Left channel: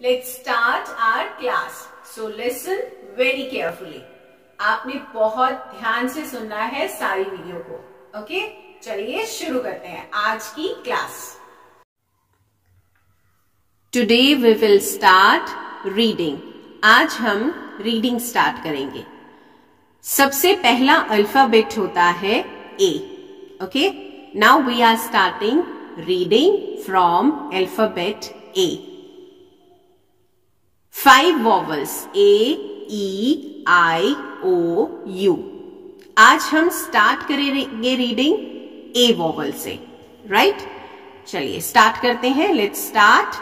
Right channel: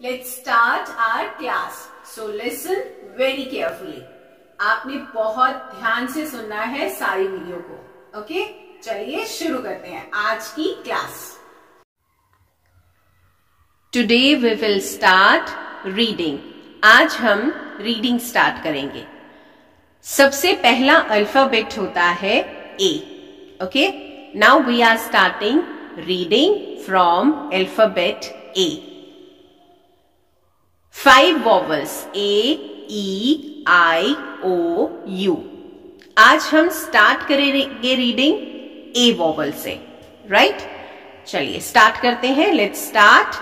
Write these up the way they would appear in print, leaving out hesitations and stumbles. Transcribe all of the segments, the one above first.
Let's start our class. So listen very carefully. आपने बहुत ध्यान से सुनना है सारी वीडियो को. ओके, चलिए शुरू करते हैं आज की class. Today we will start reading. आज हम रीडिंग स्टार्ट करेंगे. सबसे पहला अल्फाबेट होता है A. Okay, now we are starting reading from alphabet A. 5 vowels A, E, I, O, U. आज हम स्टार्ट करेंगे रीडिंग A वॉवल से, राइट? चलिए स्टार्ट करते हैं. Let's start.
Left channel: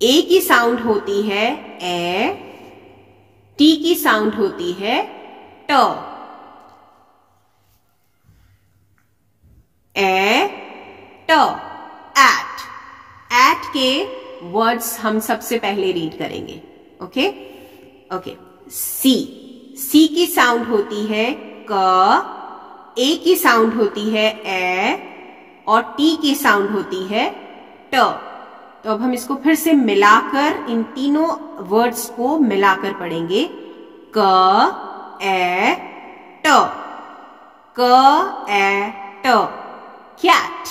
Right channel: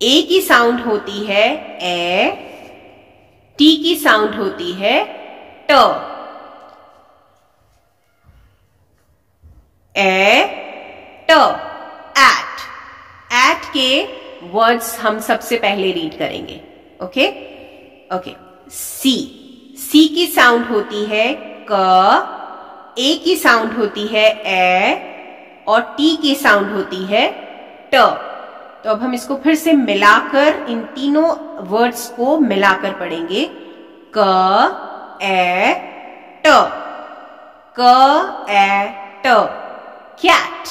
A की साउंड होती है ए, T की साउंड होती है ट. ए ट. एट के वर्ड्स हम सबसे पहले रीड करेंगे. Okay okay. सी की साउंड होती है क, ए की साउंड होती है ए और टी की साउंड होती है ट. तो अब हम इसको फिर से मिलाकर इन तीनों वर्ड्स को मिलाकर पढ़ेंगे. क ए ट. क ए ट. Cat.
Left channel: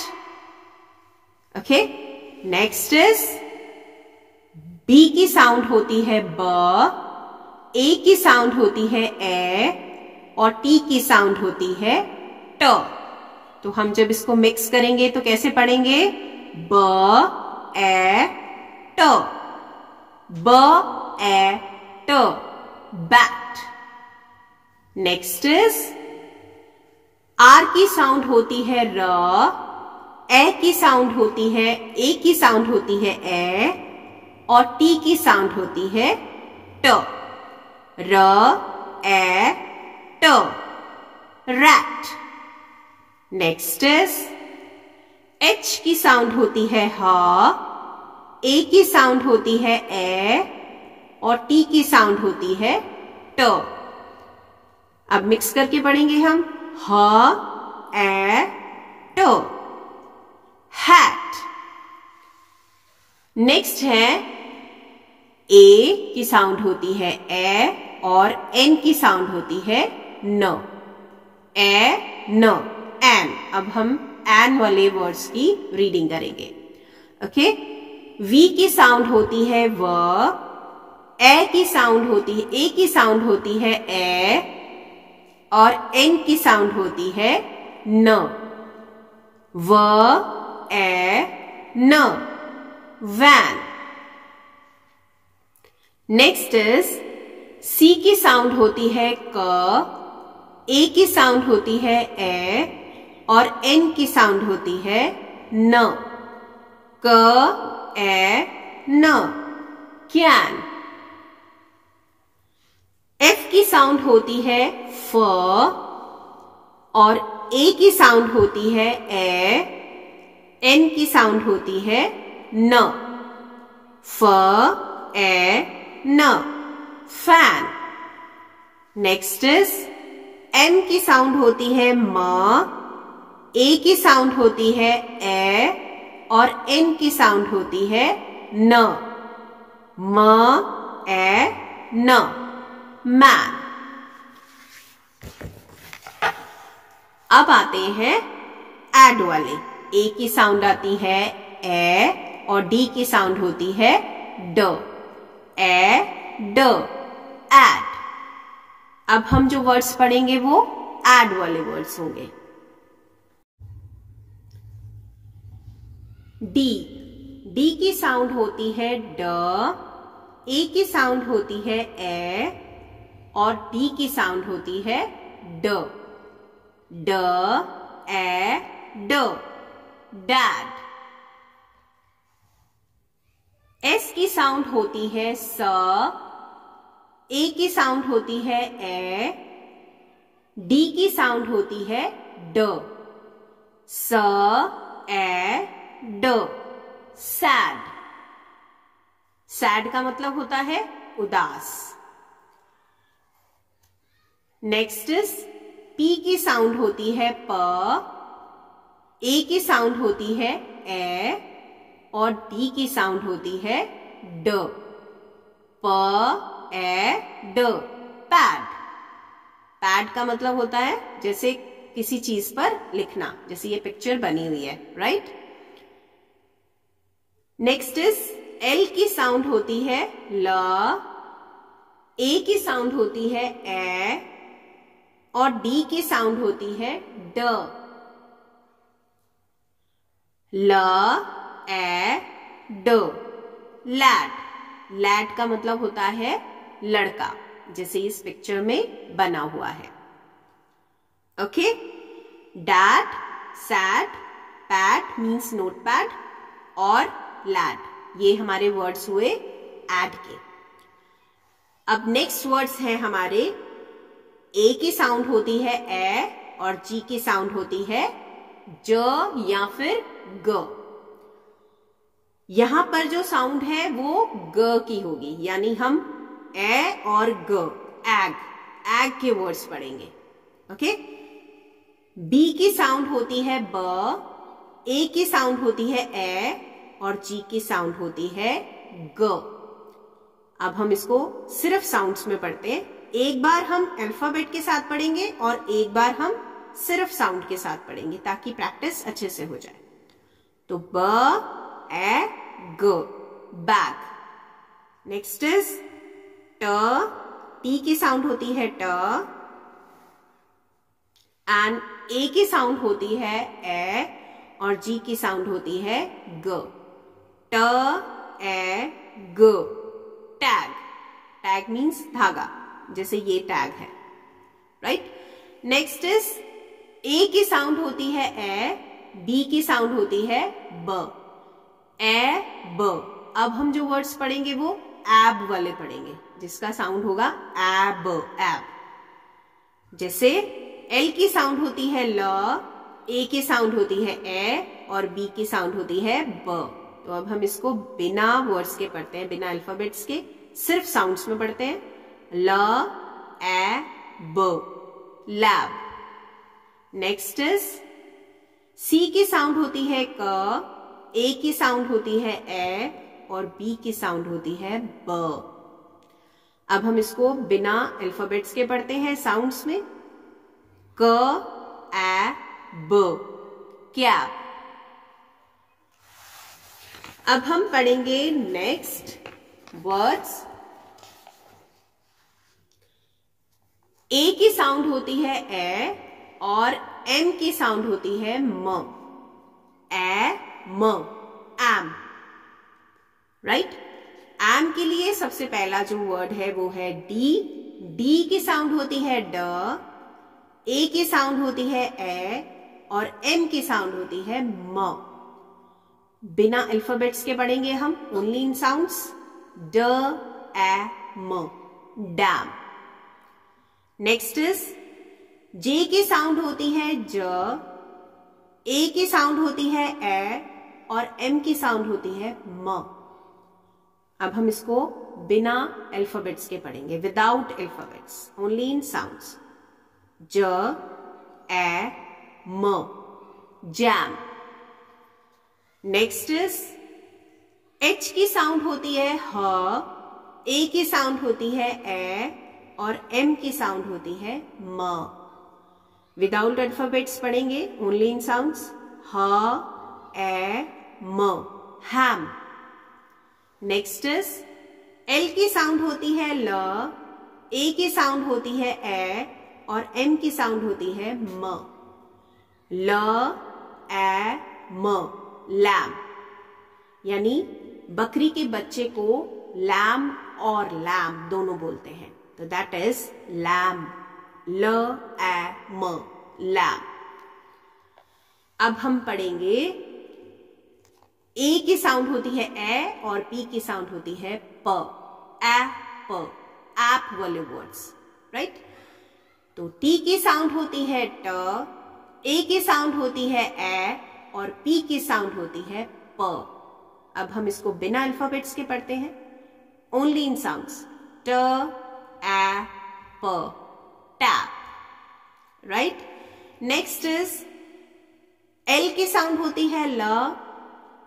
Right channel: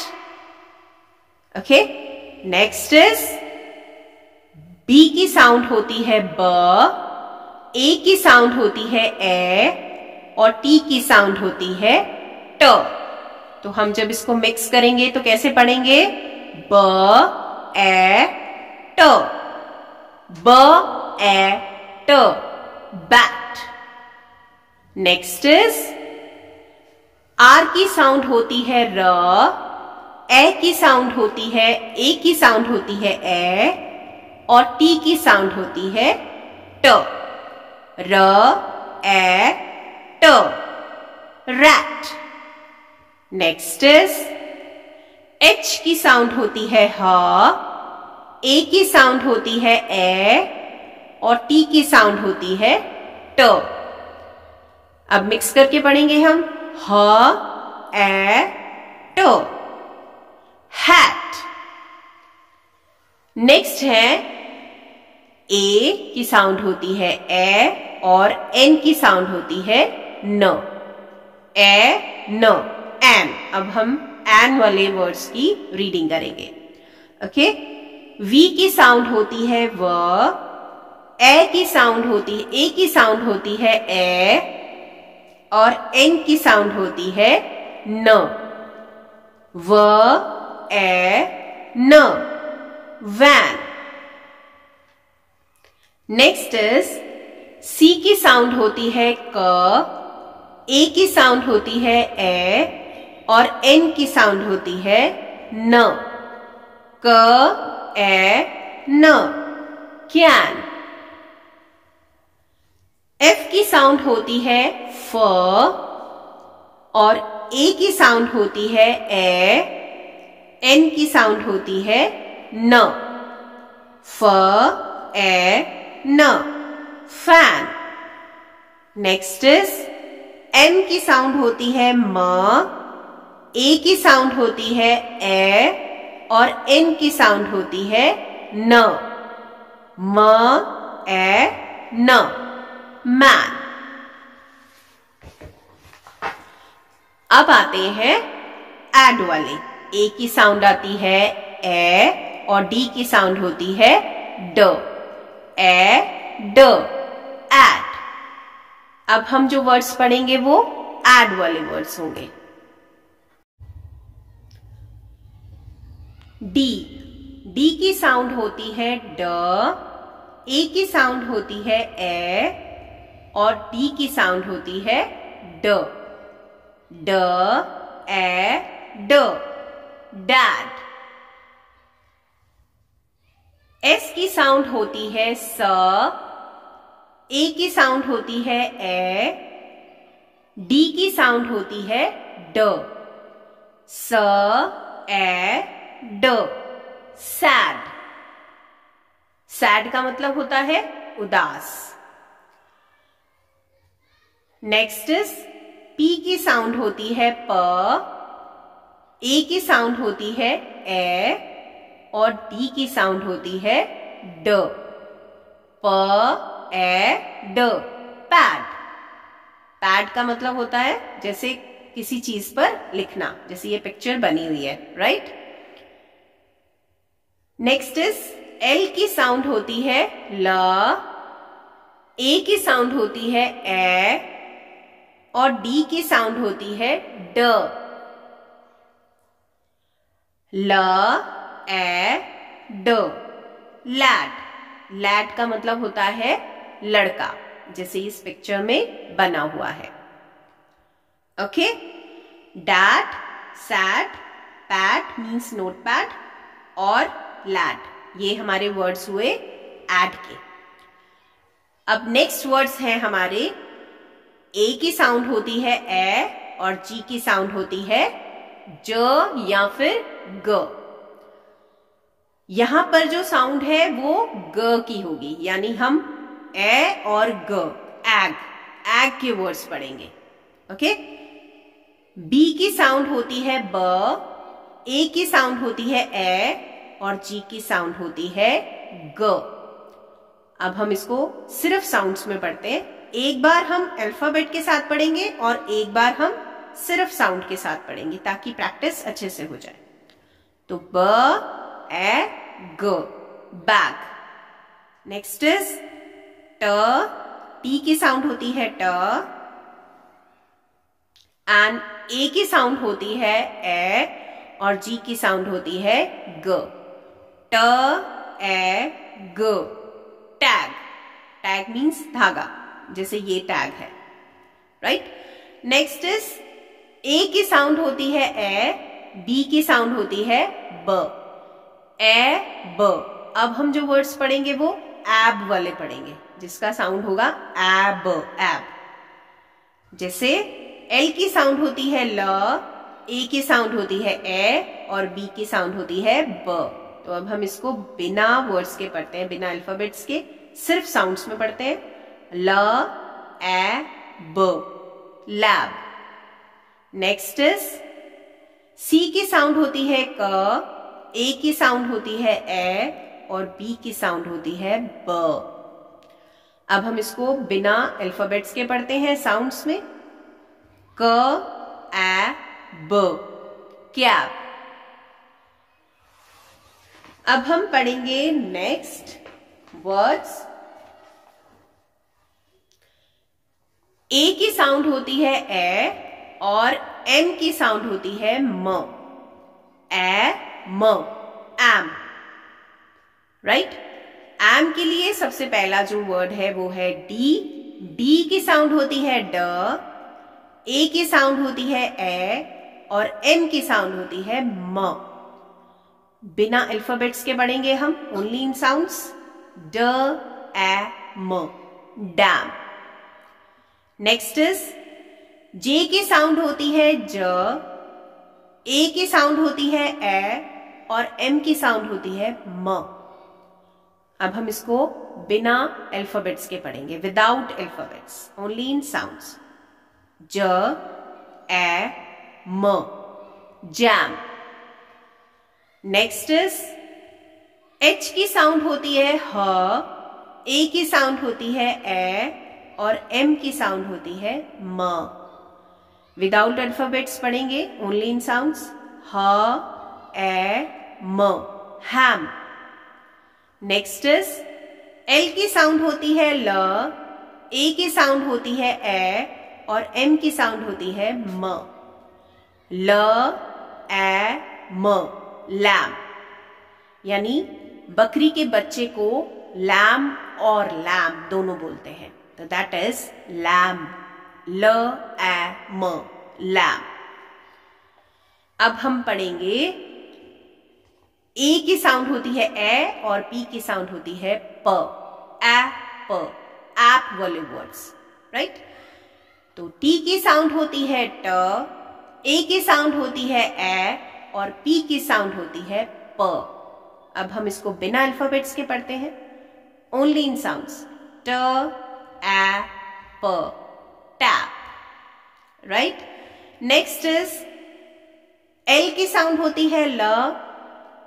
Okay. Next is B की साउंड होती है ब, ए की साउंड होती है ए और टी की साउंड होती है ट. तो हम जब इसको मिक्स करेंगे तो कैसे पढ़ेंगे? ब ए ट. ब ए ट. बैट. नेक्स्ट इज आर की साउंड होती है र, ए की साउंड होती है, ए की साउंड होती है ए और टी की साउंड होती है ट. र ए ट. रैट. नेक्स्ट इज एच की साउंड होती है ह, ए की साउंड होती है ए और टी की साउंड होती है ट. अब मिक्स करके पढ़ेंगे हम. ह ए ट. हैट. नेक्स्ट है ए की साउंड होती है ए और एन की साउंड होती है न. ए न. एन. अब हम एन वाले वर्ड्स की रीडिंग करेंगे. ओके. वी की साउंड होती है व, ए की साउंड होती है, ए की साउंड होती है ए और एन की साउंड होती है न. व ए न. वैन. नेक्स्ट इज सी की साउंड होती है क, ए की साउंड होती है ए और एन की साउंड होती है न. क ए न. कैन. एफ की साउंड होती है फ और ए की साउंड होती है ए, एन की साउंड होती है न. फ ए न. फैन. नेक्स्ट इज एम की साउंड होती है म, ए की साउंड होती है ए और एन की साउंड होती है न. म ए न. मैन. अब आते हैं एड वाले. ए की साउंड आती है ए और डी की साउंड होती है ड. ए ड. एड. अब हम जो वर्ड्स पढ़ेंगे वो एड वाले वर्ड्स होंगे. डी की साउंड होती है ड, ए की साउंड होती है ए और डी की साउंड होती है ड. ड ए ड. डैड. एस की साउंड होती है स, ए की साउंड होती है ए, डी की साउंड होती है ड. स ए ड. सैड. सैड का मतलब होता है उदास. नेक्स्ट इज पी की साउंड होती है प, ए की साउंड होती है ए और डी की साउंड होती है ड, प ए ड, पैड। पैड का मतलब होता है जैसे किसी चीज पर लिखना, जैसे ये पिक्चर बनी हुई है, राइट। नेक्स्ट इज एल की साउंड होती है ल, ए की साउंड होती है ए और डी की साउंड होती है ड। ल ए ड, लैड। लैड का मतलब होता है लड़का, जैसे इस पिक्चर में बना हुआ है। Okay, dad, sad, pad means notepad और लैड, ये हमारे वर्ड्स हुए ऐड के। अब नेक्स्ट वर्ड्स हैं हमारे, ए की साउंड होती है ए और जी की साउंड होती है ज या फिर ग। यहां पर जो साउंड है वो ग की होगी, यानी हम ए और ग, एग, एग के वर्ड्स पढ़ेंगे। ओके, बी की साउंड होती है ब, ए की साउंड होती है ए और जी की साउंड होती है ग। अब हम इसको सिर्फ साउंड्स में पढ़ते हैं। एक बार हम अल्फाबेट के साथ पढ़ेंगे और एक बार हम सिर्फ साउंड के साथ पढ़ेंगे ताकि प्रैक्टिस अच्छे से हो जाए। तो ब ए ग, बैग। नेक्स्ट इज ट, टी की साउंड होती है ट एंड ए की साउंड होती है ए और जी की साउंड होती है ग। ट ए ग, टैग। टैग मीन्स धागा, जैसे ये टैग है, राइट। नेक्स्ट इज ए की साउंड होती है ए, बी की साउंड होती है ब, ए ब। अब हम जो वर्ड्स पढ़ेंगे वो एब वाले पढ़ेंगे, जिसका साउंड होगा एब, एब। जैसे एल की साउंड होती है ल, ए की साउंड होती है ए और बी की साउंड होती है ब। तो अब हम इसको बिना वर्ड्स के पढ़ते हैं, बिना अल्फाबेट्स के, सिर्फ साउंड्स में पढ़ते हैं। ल ए ब, लैब। नेक्स्ट इज सी की साउंड होती है क, ए की साउंड होती है ए और बी की साउंड होती है ब। अब हम इसको बिना अल्फाबेट्स के पढ़ते हैं साउंड्स में। क ए ब, कैब। अब हम पढ़ेंगे नेक्स्ट वर्ड्स। ए की साउंड होती है ए और एम की साउंड होती है म, ए म, एम, राइट। एम के लिए सबसे पहला जो वर्ड है वो है डी। डी की साउंड होती है ड, ए की साउंड होती है ए और एम की साउंड होती है म। बिना अल्फाबेट्स के पढ़ेंगे हम, ओनली इन साउंड्स। ड ए म, डैम। नेक्स्ट इज जे की साउंड होती है ज, ए की साउंड होती है ए और एम की साउंड होती है म। अब हम इसको बिना अल्फाबेट्स के पढ़ेंगे, without alphabets, only in sounds. ज ए म, जैम। नेक्स्ट इज एच की साउंड होती है ह, ए की साउंड होती है ए और एम की साउंड होती है म। विदाउट अल्फाबेट्स पढ़ेंगे, ओनली इन साउंड्स। ह ए म, हैम। नेक्स्ट इज एल की साउंड होती है ल, ए की साउंड होती है ए और एम की साउंड होती है म। ल ए म, लैम। यानी बकरी के बच्चे को लैम और लैम दोनों बोलते हैं, तो दैट इज लैम। ल ए म, लैम। अब हम पढ़ेंगे ए की साउंड होती है ए और पी की साउंड होती है प, ए प, ऐप वाले वर्ड्स, राइट। तो टी की साउंड होती है ट, ए की साउंड होती है ए और पी की साउंड होती है प। अब हम इसको बिना अल्फाबेट्स के पढ़ते हैं, ओनली इन साउंड्स। ट ए प, tap, right. Next is L की साउंड होती है ल,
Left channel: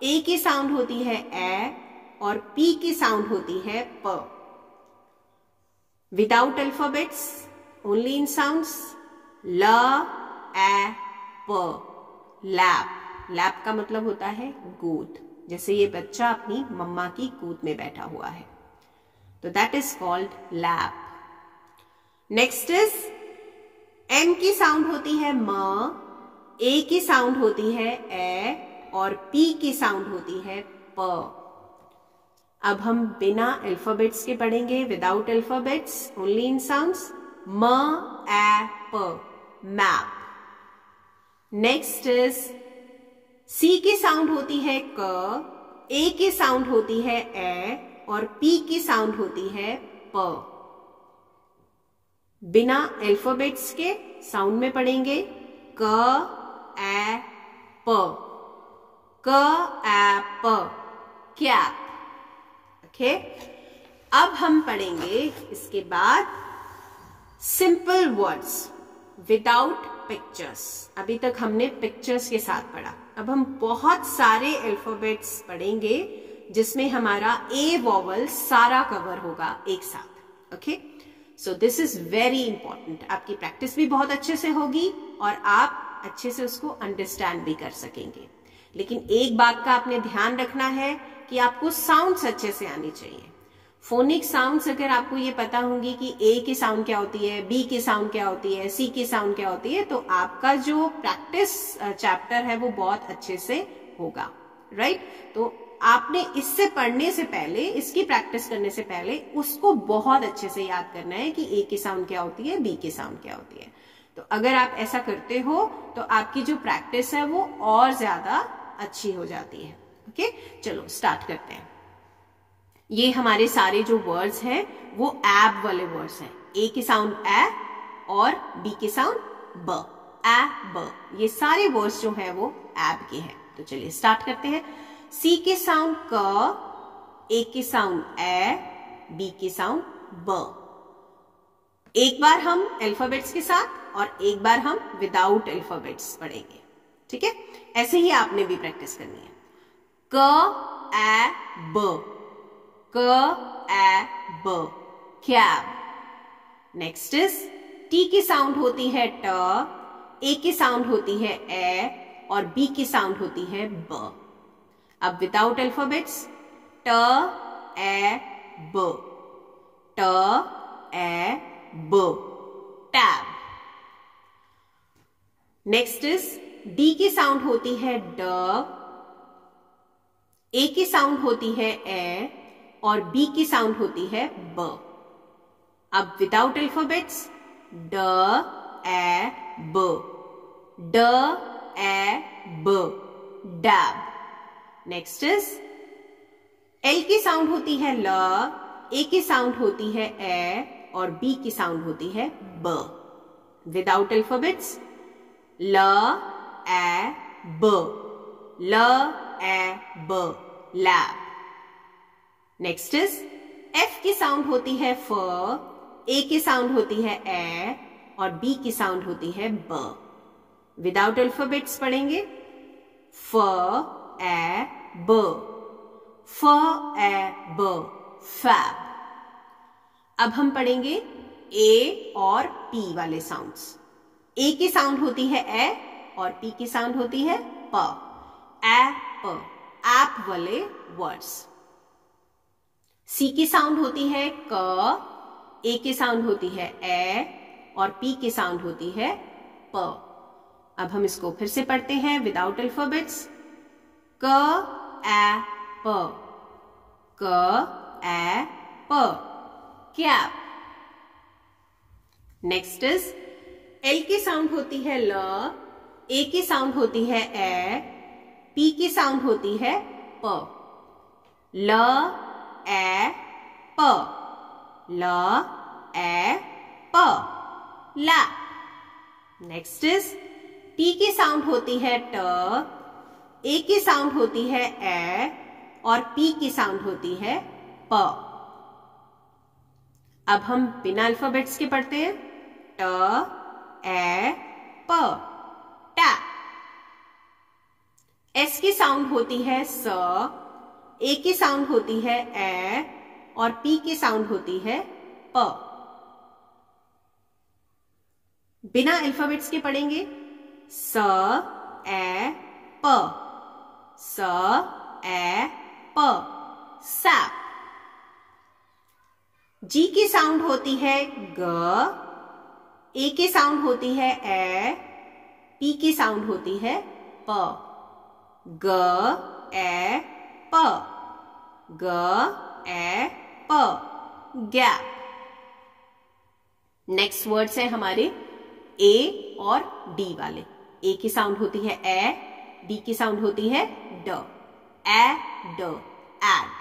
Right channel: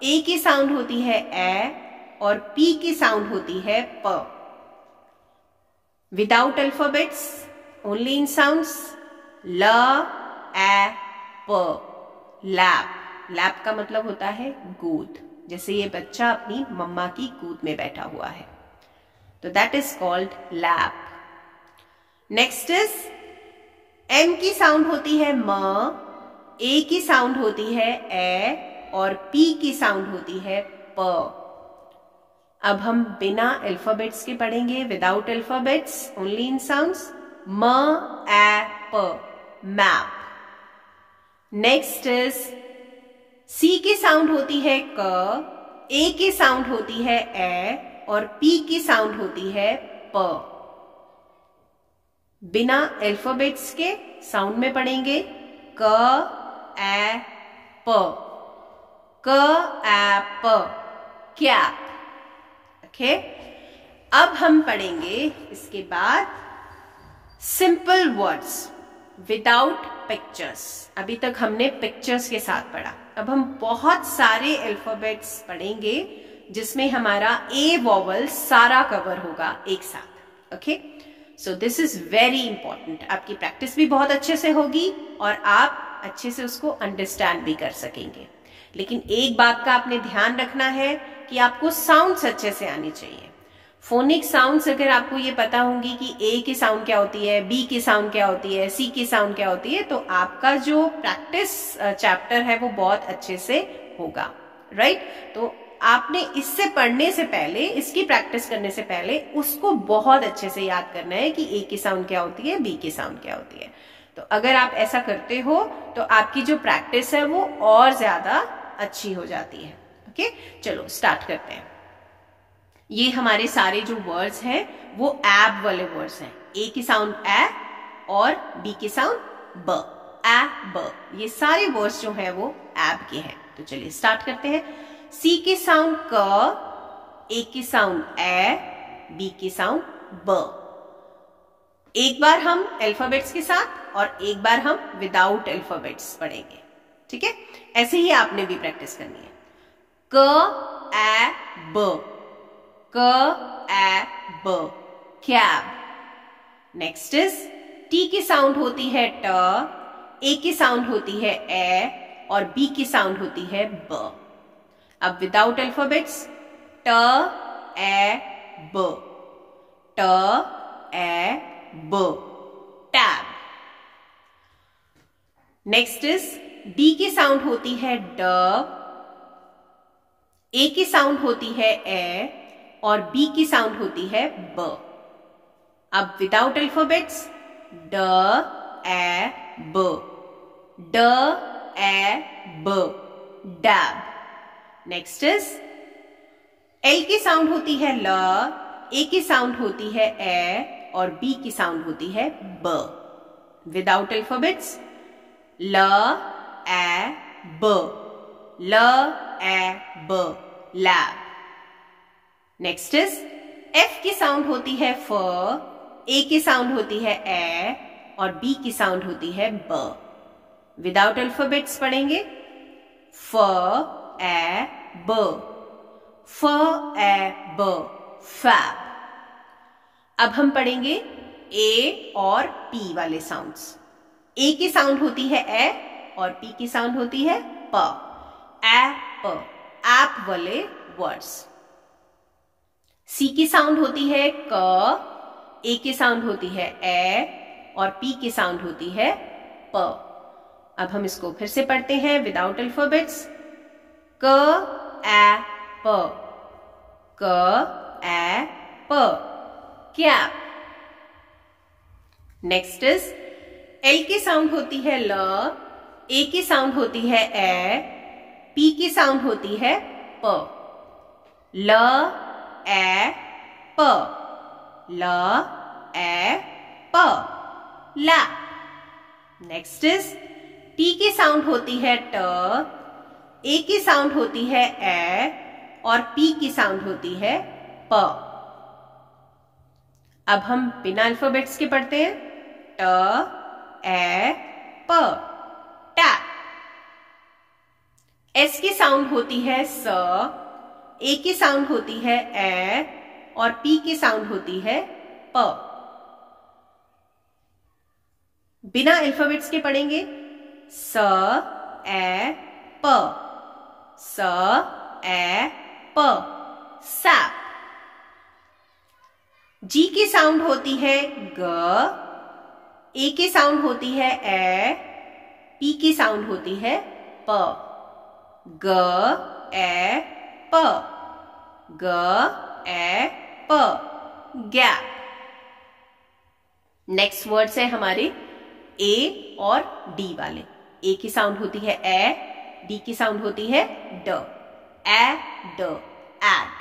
ए की साउंड होती है ए और पी की साउंड होती है प। Without alphabets, only in sounds, ल, ए, प, लैप। लैप का मतलब होता है गोद, जैसे ये बच्चा अपनी मम्मा की गोद में बैठा हुआ है, तो that is called lap. Next is M की साउंड होती है म, ए की साउंड होती है ए और पी की साउंड होती है प। अब हम बिना अल्फाबेट्स के पढ़ेंगे, without alphabets, only in sounds, म, ए, प, मैप। नेक्स्ट इज सी की साउंड होती है क, ए की साउंड होती है ए और पी की साउंड होती है प। बिना अल्फाबेट्स के साउंड में पढ़ेंगे, क, ए, प, क, ए, प, कैप। ओके, अब हम पढ़ेंगे इसके बाद सिंपल वर्ड्स विदाउट पिक्चर्स। अभी तक हमने पिक्चर्स के साथ पढ़ा, अब हम बहुत सारे अल्फाबेट्स पढ़ेंगे जिसमें हमारा ए वॉवल सारा कवर होगा एक साथ। Okay, so this is very important. आपकी प्रैक्टिस भी बहुत अच्छे से होगी और आप अच्छे से उसको अंडरस्टैंड भी कर सकेंगे। लेकिन एक बात का आपने ध्यान रखना है कि आपको साउंड्स अच्छे से आनी चाहिए। फोनिक साउंड्स अगर आपको ये पता होंगी कि ए की साउंड क्या होती है, बी की साउंड क्या होती है, सी की साउंड क्या होती है, तो आपका जो प्रैक्टिस चैप्टर है वो बहुत अच्छे से होगा, राइट। तो आपने इससे पढ़ने से पहले, इसकी प्रैक्टिस करने से पहले उसको बहुत अच्छे से याद करना है कि ए की साउंड क्या होती है, बी की साउंड क्या होती है। तो अगर आप ऐसा करते हो तो आपकी जो प्रैक्टिस है वो और ज्यादा अच्छी हो जाती है। ओके, चलो स्टार्ट करते हैं। ये हमारे सारे जो वर्ड्स हैं वो एब वाले वर्ड्स हैं। ए की साउंड ए और बी की साउंड ब, ए, ब। ये सारे वर्ड्स जो हैं वो एब के हैं। तो चलिए स्टार्ट करते हैं। सी की साउंड क, ए की साउंड ए, बी की साउंड ब। एक बार हम अल्फाबेट्स के साथ और एक बार हम विदाउट अल्फाबेट्स पढ़ेंगे, ठीक है। ऐसे ही आपने भी प्रैक्टिस करनी है। क, ए, ब, क, ए, ब, कैब। नेक्स्ट इज टी की साउंड होती है ट, ए की साउंड होती है ए और बी की साउंड होती है ब। अब विदाउट अल्फाबेट्स, ट, ए, ब, ट, ए, ब, टैब। नेक्स्ट इज डी की साउंड होती है ड, ए की साउंड होती है ए और बी की साउंड होती है ब। अब विदाउट अल्फाबेट्स, ड, ए, ब, ड, ए, ब, डैब। नेक्स्ट इज एल की साउंड होती है ल, ए की साउंड होती है ए और बी की साउंड होती है ब। विदाउट अल्फाबेट्स, ल, ए, ब, ल, ए, ब, लैब। नेक्स्ट इज एफ की साउंड होती है फ, ए की साउंड होती है ए और बी की साउंड होती है ब। विदाउट अल्फाबेट्स पढ़ेंगे, फ, ए, ब, फ, ए, ब, फैब। अब हम पढ़ेंगे ए और पी वाले साउंड्स। ए की साउंड होती है ए और पी की साउंड होती है प, ए, प, ऐप वाले वर्ड्स। सी की साउंड होती है क, ए की साउंड होती है ए और पी की साउंड होती है प। अब हम इसको फिर से पढ़ते हैं विदाउट अल्फाबेट्स। क, ए, प, क, ए, प, कैप। नेक्स्ट इज एल की साउंड होती है ल, ए की साउंड होती है ए, पी की साउंड होती है प। ल, ए, प, ल, ए, प, ला। नेक्स्ट इज टी की साउंड होती है ट, ए की साउंड होती है ए और पी की साउंड होती है प। अब हम बिना अल्फाबेट्स के पढ़ते हैं। ट, ए, प, टा। एस की साउंड होती है स, ए की साउंड होती है ए और पी की साउंड होती है प। बिना अल्फाबेट्स के पढ़ेंगे स ए प, स ए प, सैप। जी की साउंड होती है ग, ए की साउंड होती है ए, पी की साउंड होती है प, ग ए प, ग ए प, गैप। नेक्स्ट वर्ड्स है हमारे ए और डी वाले। ए की साउंड होती है ए, डी की साउंड होती है ड, ए ड, एड।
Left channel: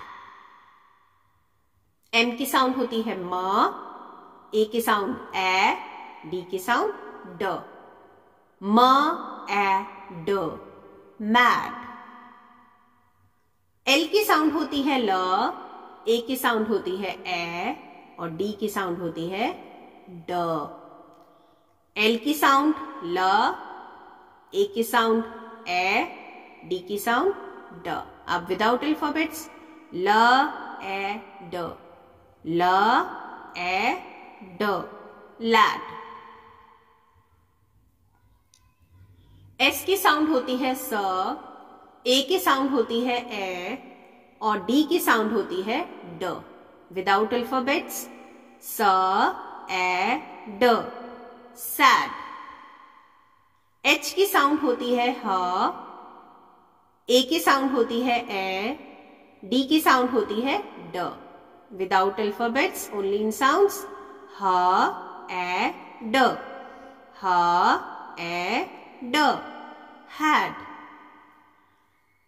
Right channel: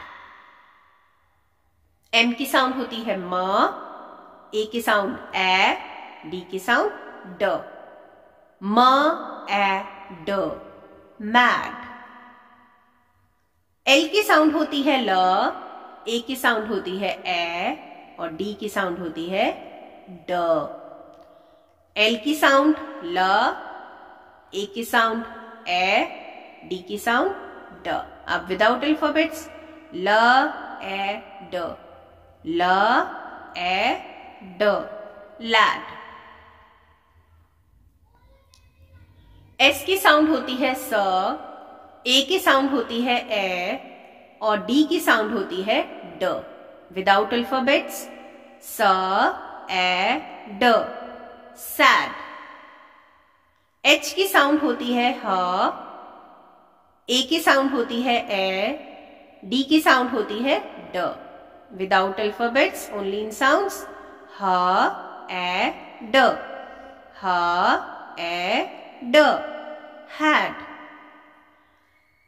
एम की साउंड होती है म, ए की साउंड ए, डी की साउंड ड, म ए ड, मैड। एल की साउंड होती है ल, ए की साउंड होती है ए और डी की साउंड होती है ड। एल की साउंड ल, ए की साउंड ए, डी की साउंड ड। अब विदाउट अल्फाबेट्स ल ए ड, ल ए ड, लैड। एस की साउंड होती है स, ए की साउंड होती है ए और डी की साउंड होती है ड। विदाउट अल्फाबेट्स स ए ड, सैड। एच की साउंड होती है ह, ए की साउंड होती है ए, डी की साउंड होती है ड। Without alphabets only in sounds ह ए ड, ह ए ड, हैड।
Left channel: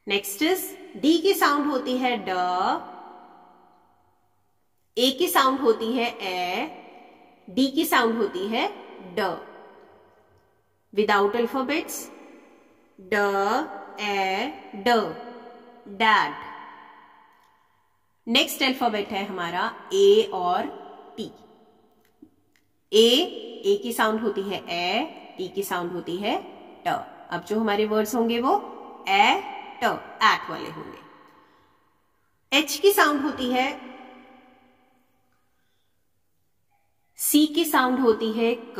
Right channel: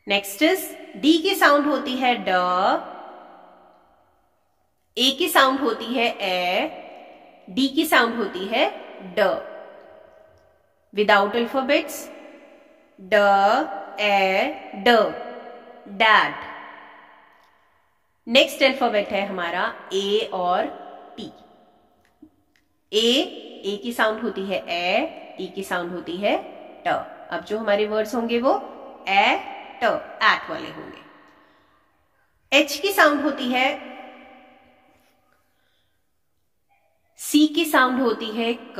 नेक्स्ट इज डी की साउंड होती है ड, ए की साउंड होती है ए, डी की साउंड होती है ड। विदाउट अल्फाबेट्स ड ए ड, डैड। नेक्स्ट अल्फाबेट है हमारा ए और टी। ए की साउंड होती है ए, टी की साउंड होती है ट। अब जो हमारे वर्ड्स होंगे वो ए ट, एट वाले होंगे। एच की साउंड होती है, सी की साउंड होती है क,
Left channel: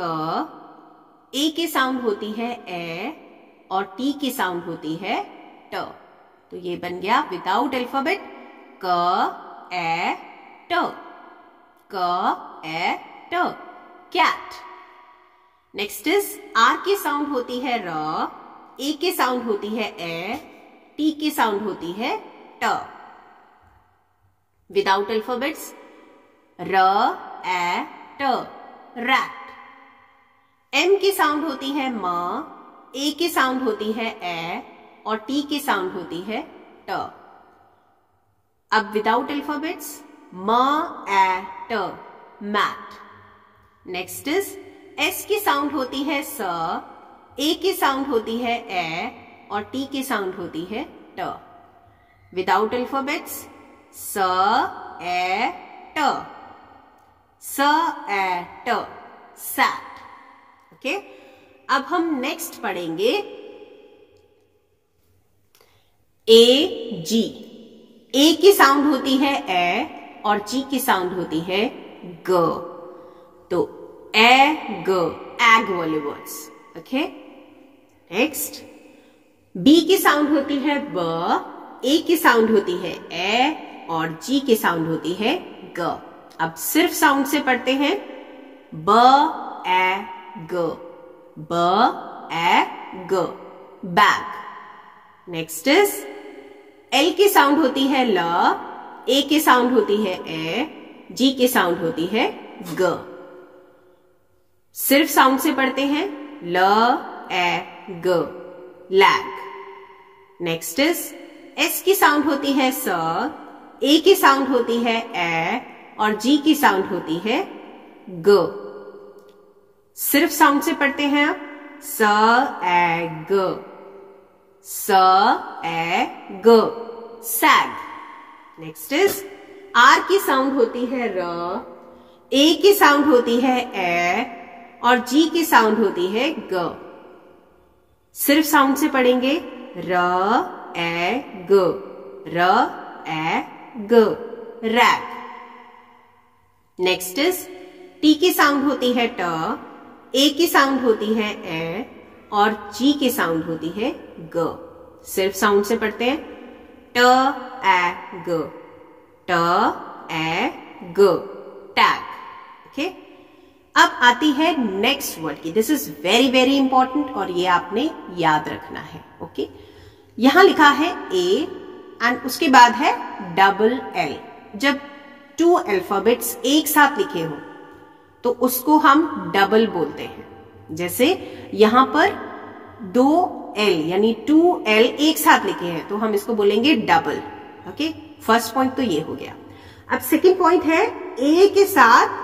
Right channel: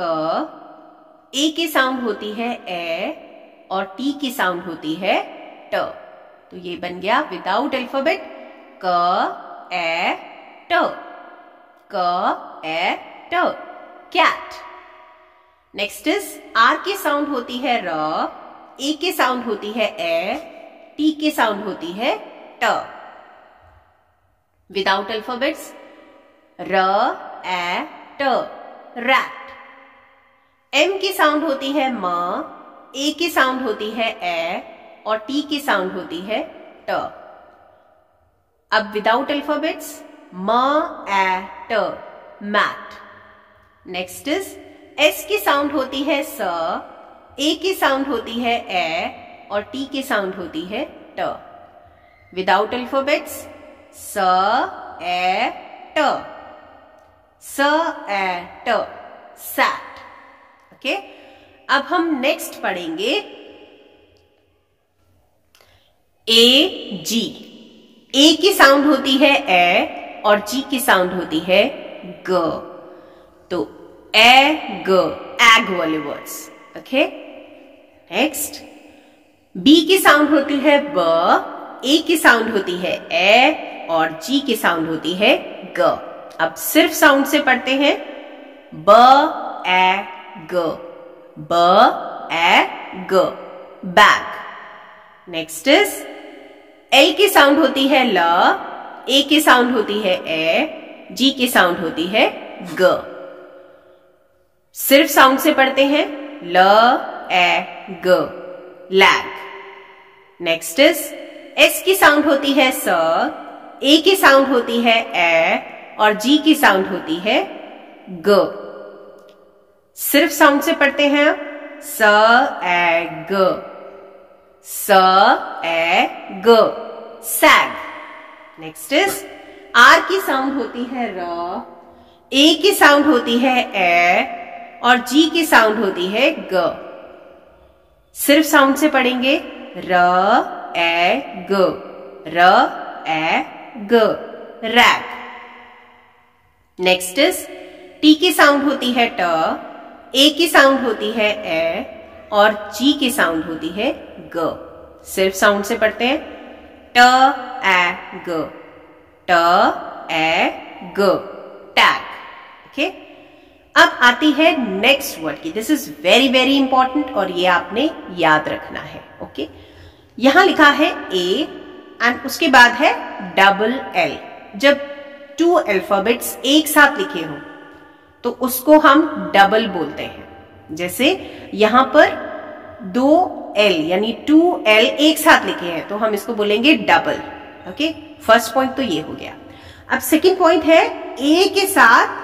ए की साउंड होती है ए और टी की साउंड होती है ट। तो ये बन गया विदाउट अल्फाबेट क ए ट, क ए ट, कैट। नेक्स्ट इज आर की साउंड होती है र, ए की साउंड होती है ए, टी की साउंड होती है ट। विदाउट अल्फाबेट्स र ए ट, रैट। एम की साउंड होती है म, ए की साउंड होती है ए और टी की साउंड होती है ट। अब विदाउट अल्फाबेट्स म ए ट, मैट। नेक्स्ट इज एस की साउंड होती है स, ए की साउंड होती है ए और टी की साउंड होती है ट। विदाउट अल्फाबेट्स स ए ट, स ए ट, सैट। ओके, अब हम नेक्स्ट पढ़ेंगे ए जी। ए की साउंड होती है ए और जी की साउंड होती है ग। तो ए ग, एग वाले वर्ड्स। ओके, नेक्स्ट बी की साउंड होती है ब, ए की साउंड होती है ए और जी की साउंड होती है ग। अब सिर्फ साउंड से पढ़ते हैं ब ए ग, ब ए ग, बैग। नेक्स्ट इज एल की साउंड होती है ल, ए की साउंड होती है ए, जी की साउंड होती है ग। सिर्फ साउंड से पढ़ते हैं ल ए ग, लैग। नेक्स्ट इज एस की साउंड होती है स, ए की साउंड होती है ए और जी की साउंड होती है ग। सिर्फ साउंड से पढ़ते हैं स ए ग, स ए ग, सैग। नेक्स्ट इज आर की साउंड होती है र, ए की साउंड होती है ए और जी की साउंड होती है ग। सिर्फ साउंड से पढ़ेंगे र ए ग, र ए ग, रैग। नेक्स्ट इज टी की साउंड होती है ट, ए की साउंड होती है ए और जी की साउंड होती है ग। सिर्फ साउंड से पढ़ते हैं, ट ए ग, ट ए ग, टैग। ओके, अब आती है नेक्स्ट वर्ड की। This is very very important और ये आपने याद रखना है। ओके, यहां लिखा है ए एंड उसके बाद है डबल एल। जब 2 अल्फाबेट्स एक साथ लिखे हो तो उसको हम डबल बोलते हैं। जैसे यहां पर 2 एल यानी 2L एक साथ लिखे हैं तो हम इसको बोलेंगे डबल। ओके, फर्स्ट पॉइंट तो ये हो गया। अब सेकंड पॉइंट है ए के साथ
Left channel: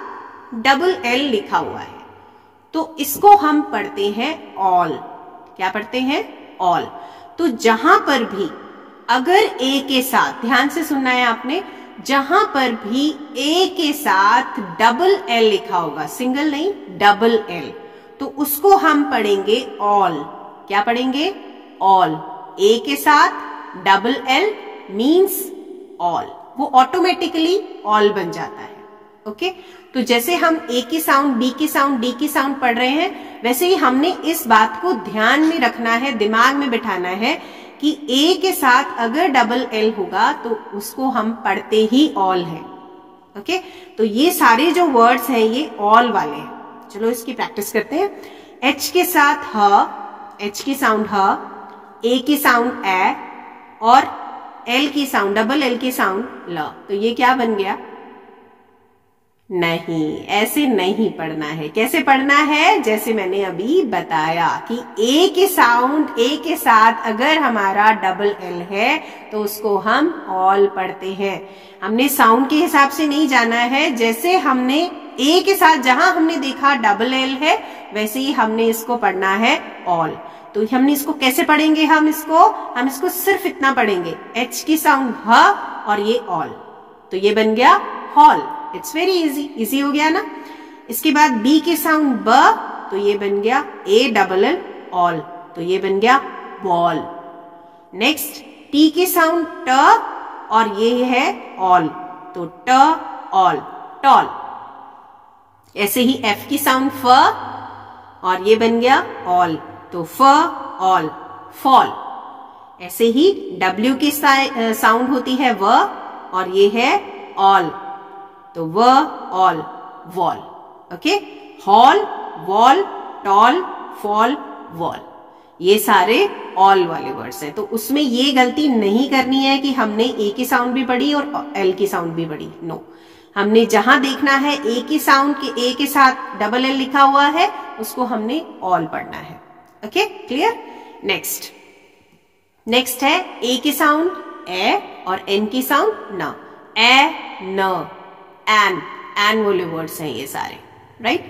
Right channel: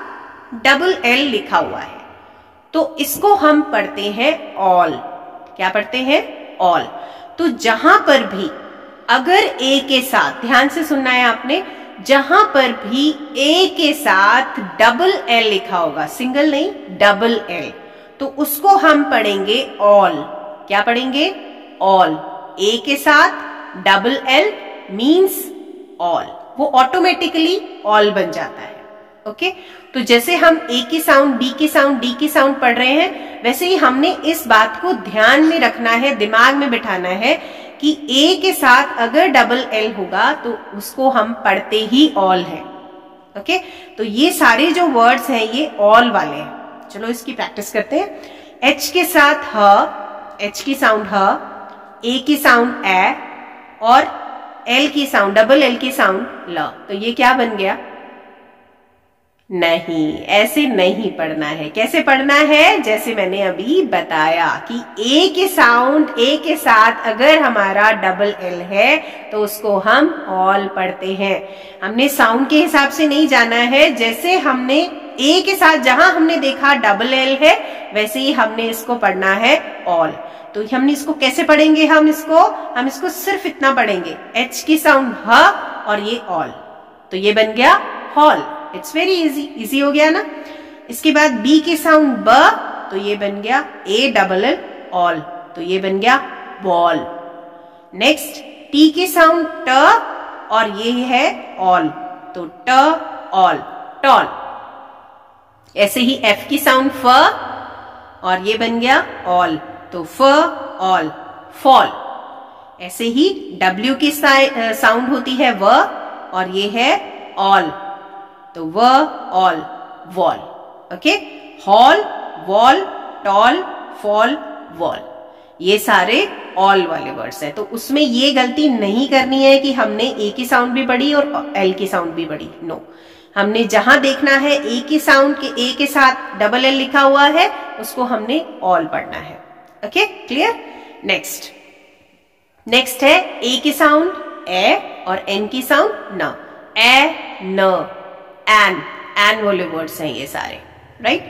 डबल एल लिखा हुआ है तो इसको हम पढ़ते हैं ऑल। क्या पढ़ते हैं? ऑल। तो जहां पर भी अगर ए के साथ, ध्यान से सुनना है आपने, जहां पर भी ए के साथ डबल एल लिखा होगा, सिंगल नहीं डबल एल, तो उसको हम पढ़ेंगे ऑल। क्या पढ़ेंगे? ऑल। ए के साथ डबल एल मीन्स ऑल, वो ऑटोमेटिकली ऑल बन जाता है। ओके, तो जैसे हम ए की साउंड, बी की साउंड, डी की साउंड पढ़ रहे हैं, वैसे ही हमने इस बात को ध्यान में रखना है, दिमाग में बिठाना है कि ए के साथ अगर डबल एल होगा तो उसको हम पढ़ते ही ऑल है। ओके, तो ये सारे जो वर्ड्स हैं ये ऑल वाले हैं। चलो इसकी प्रैक्टिस करते हैं। एच के साथ ह, एच की साउंड ह, ए की साउंड ए और एल की साउंड, डबल एल की साउंड ल। तो ये क्या बन गया? नहीं, ऐसे नहीं पढ़ना है। कैसे पढ़ना है? जैसे मैंने अभी बताया कि ए के साउंड, ए के साथ अगर हमारा डबल एल है तो उसको हम ऑल पढ़ते हैं। हमने साउंड के हिसाब से नहीं जाना है। जैसे हमने ए के साथ जहां हमने देखा डबल एल है, वैसे ही हमने इसको पढ़ना है ऑल। तो हमने इसको कैसे पढ़ेंगे? हम इसको सिर्फ इतना पढ़ेंगे, एच की साउंड ह और ये ऑल, तो ये बन गया hall. It's very easy, easy हो गया ना। इसके बाद बी की साउंड ब, तो ये बन गया ए डबल एल ऑल, तो ये बन गया बॉल। नेक्स्ट टी की साउंड ट और ये है ऑल, तो ट ऑल, टॉल। ऐसे ही एफ की साउंड फ और ये बन गया ऑल, तो फ ऑल, फॉल। ऐसे ही डब्ल्यू की साउंड होती है व और ये है ऑल, तो व all, wall. Okay, hall, wall, tall, fall, wall, ये सारे ऑल वाले वर्ड्स हैं। तो उसमें ये गलती नहीं करनी है कि हमने ए की साउंड भी पढ़ी और एल की साउंड भी पढ़ी। नो, हमने जहां देखना है ए की साउंड के ए के साथ डबल एल लिखा हुआ है, उसको हमने ऑल पढ़ना है। Okay, clear? नेक्स्ट है ए की साउंड ए और एन की साउंड न। ए, न, एन वाले वर्ड्स हैं ये सारे, राइट?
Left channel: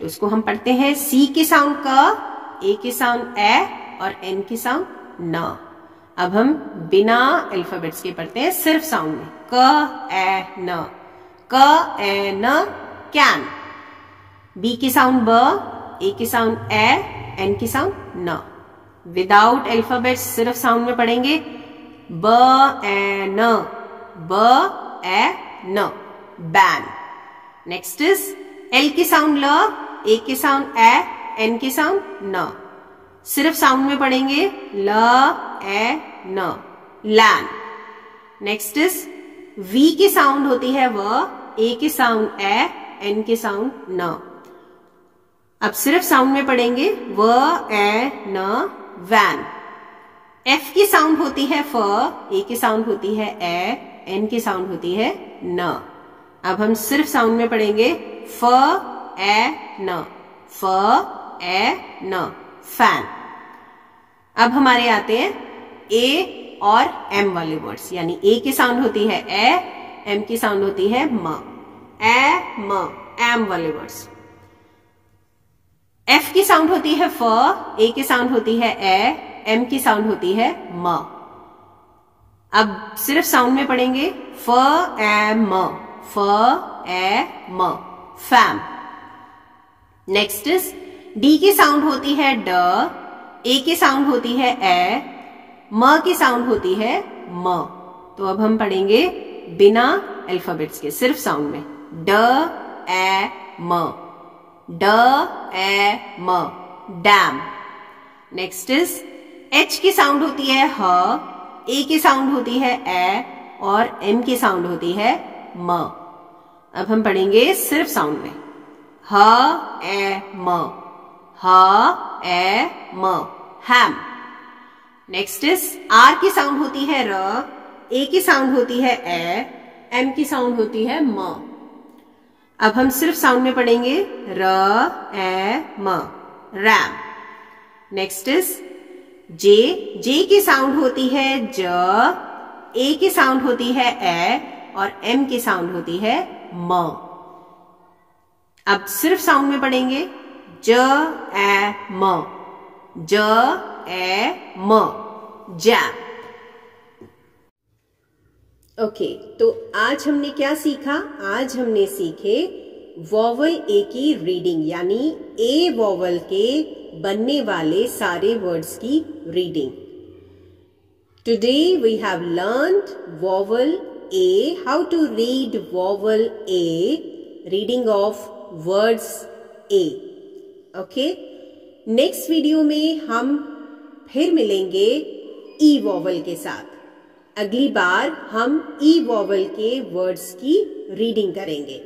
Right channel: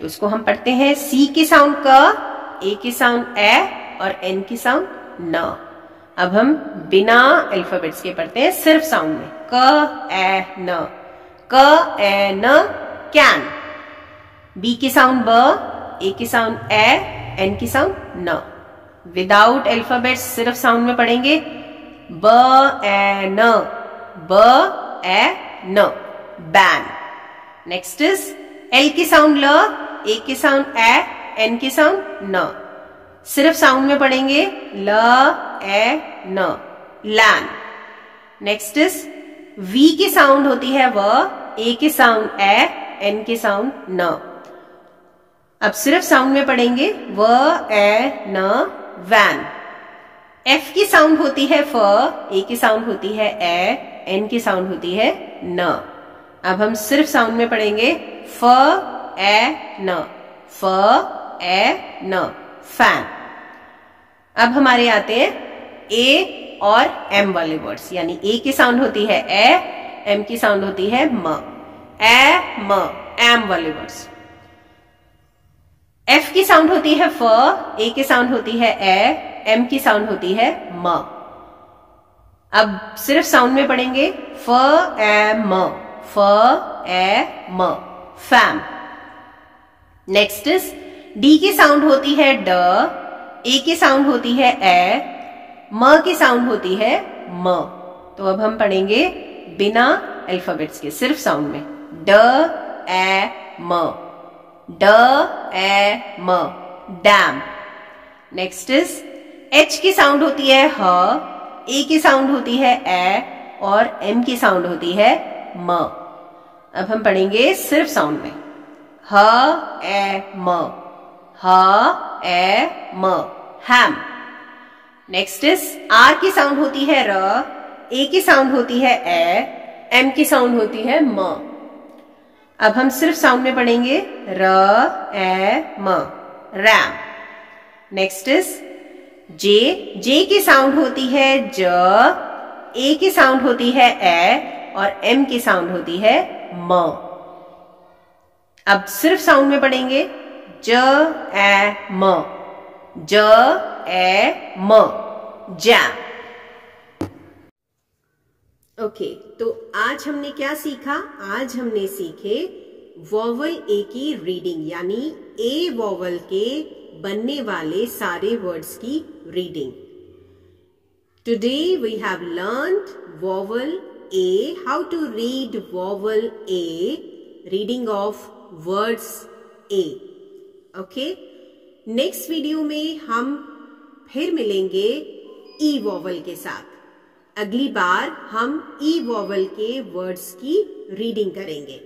तो इसको हम पढ़ते हैं सी की साउंड क, ए की साउंड ए और एन की साउंड न। अब हम बिना अल्फाबेट्स के पढ़ते हैं, सिर्फ साउंड में। क ए न, क ए न, कैन। बी की साउंड ब, ए की साउंड ए, एन की साउंड न। विदाउट अल्फाबेट्स सिर्फ साउंड में पढ़ेंगे, ब ए न, ब ए न, बैन। नेक्स्ट इज एल की साउंड ल, ए की साउंड ए, एन की साउंड न। सिर्फ साउंड में पढ़ेंगे, ल ए न, लैन। नेक्स्ट इज वी की साउंड होती है व, ए की साउंड ए, एन की साउंड न। अब सिर्फ साउंड में पढ़ेंगे, व ए न, वैन। एफ की साउंड होती है फ, ए की साउंड होती है ए, एन की साउंड होती है न। अब हम सिर्फ साउंड में पढ़ेंगे, फ ए न, फ ए न, फैन। अब हमारे आते हैं ए और एम वाले वर्ड्स, यानी ए की साउंड होती है ए, एम की साउंड होती है म। ए म, एम वाले वर्ड्स। एफ की साउंड होती है फ, ए की साउंड होती है ए, एम की साउंड होती है म। अब सिर्फ साउंड में पढ़ेंगे, फ ए म, फ ए म, फैम। नेक्स्ट इज डी की साउंड होती है ड, ए की साउंड होती है ए, म की साउंड होती है म। तो अब हम पढ़ेंगे बिना अल्फाबेट्स के, सिर्फ साउंड में। ड ए म, ड ए म, डैम। नेक्स्ट इज एच की साउंड होती है ह, ए की साउंड होती है ए और एम की साउंड होती है म। अब हम पढ़ेंगे सिर्फ साउंड में। ह ए म, ह ए म, हैम। नेक्स्ट इज आर की साउंड होती है र, ए की साउंड होती है ए, एम की साउंड होती है म। अब हम सिर्फ साउंड में पढ़ेंगे र ए म, रैम। नेक्स्ट इज जे, जे की साउंड होती है ज, ए की साउंड होती है ए और एम की साउंड होती है म। अब सिर्फ साउंड में पढ़ेंगे ज ए म, ज ए म, जैम। ओके, तो आज हमने क्या सीखा? आज हमने सीखे वॉवल ए की रीडिंग, यानी ए वॉवल के बनने वाले सारे वर्ड्स की reading. Today we have learned vowel A, how to read vowel A, reading of words A. Okay, next video में हम फिर मिलेंगे ई वॉवल के साथ। अगली बार हम ई वॉवल के वर्ड्स की रीडिंग करेंगे।